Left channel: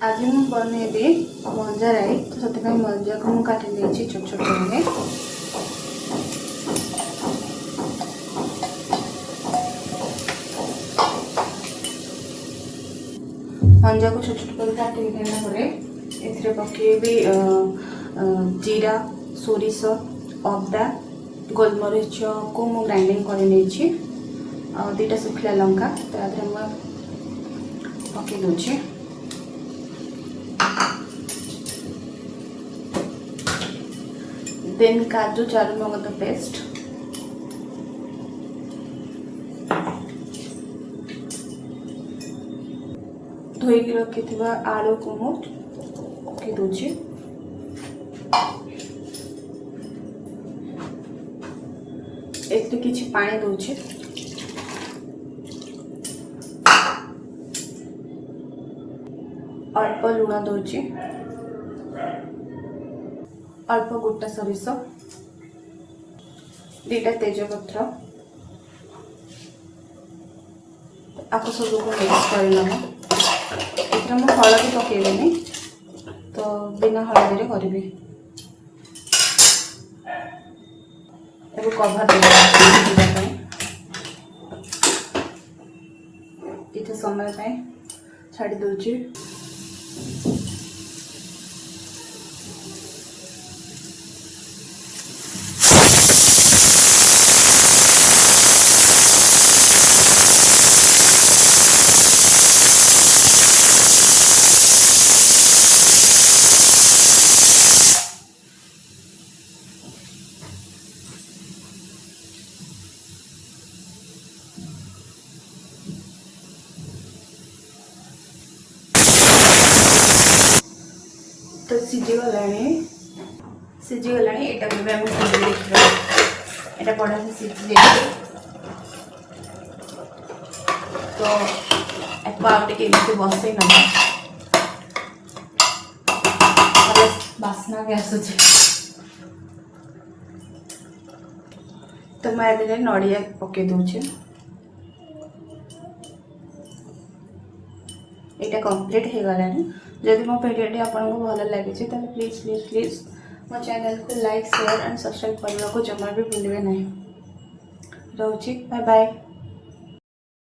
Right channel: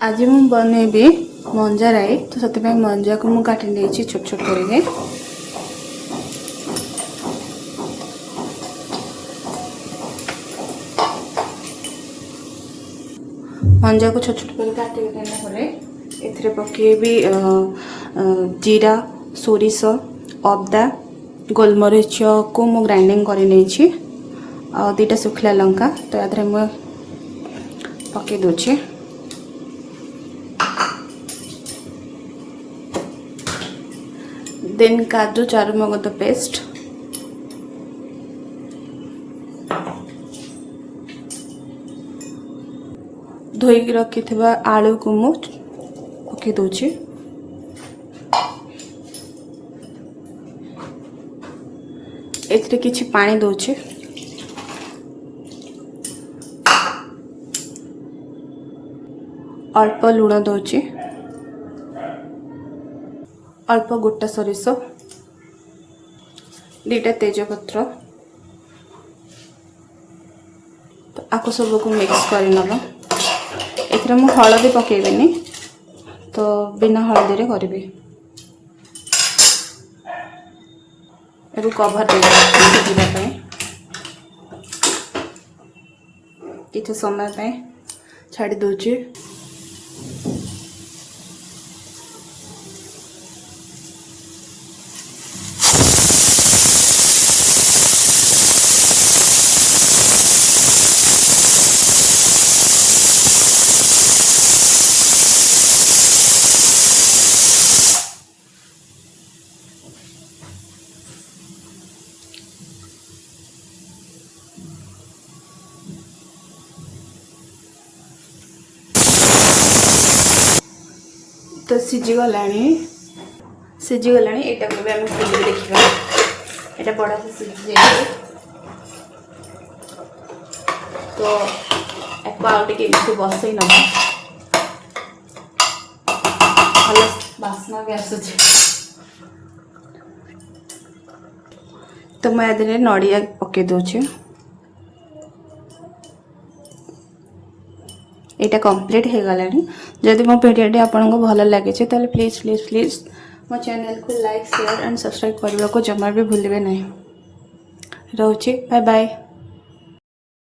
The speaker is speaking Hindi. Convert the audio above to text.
आज मु बनैबी मंजा राई तो से मंजा को मुझे काटी छोट छोट करके मंजा को छोट छोट कर काटी एथिरे पकेबी जीरा सोरिष अदा गोलमरीच को मु ग्राइंडिंग कर दुईटा सुखला लंका तो या मुझे पकई दूचे देन काजू चारुमगज पेस्ट धोईकी रखि आलू को मु पकई दूची एथिरे किछि पानी दूची अल्प लुण दूची अल्प गोटा सोरिष दुईटा तेजपत्र तो आपको सब को मिक्स कर नब एथरे मु हलदी पकेबेनी तो बिना हलदी रे करबी एबो कवर दे किछ समय पे छाड़ी दूची तो सीझीगला सीझीगला यहाँ भी आम देखा यहाँ पड़ा से सीझी तो आगे बसई ना बास्ना भी आसूचे तो मुझे नड़िया पकई दूचे यहाँ कंप्लीट हो गला जदि मो भिडियो आपको भल लगे तो प्लीज प्लीज प्लीज मो चैनल को लाइक शेयर एंड सब्सक्राइब करने को जमा भी भूलिए नहीं। रोचे बाय बाय।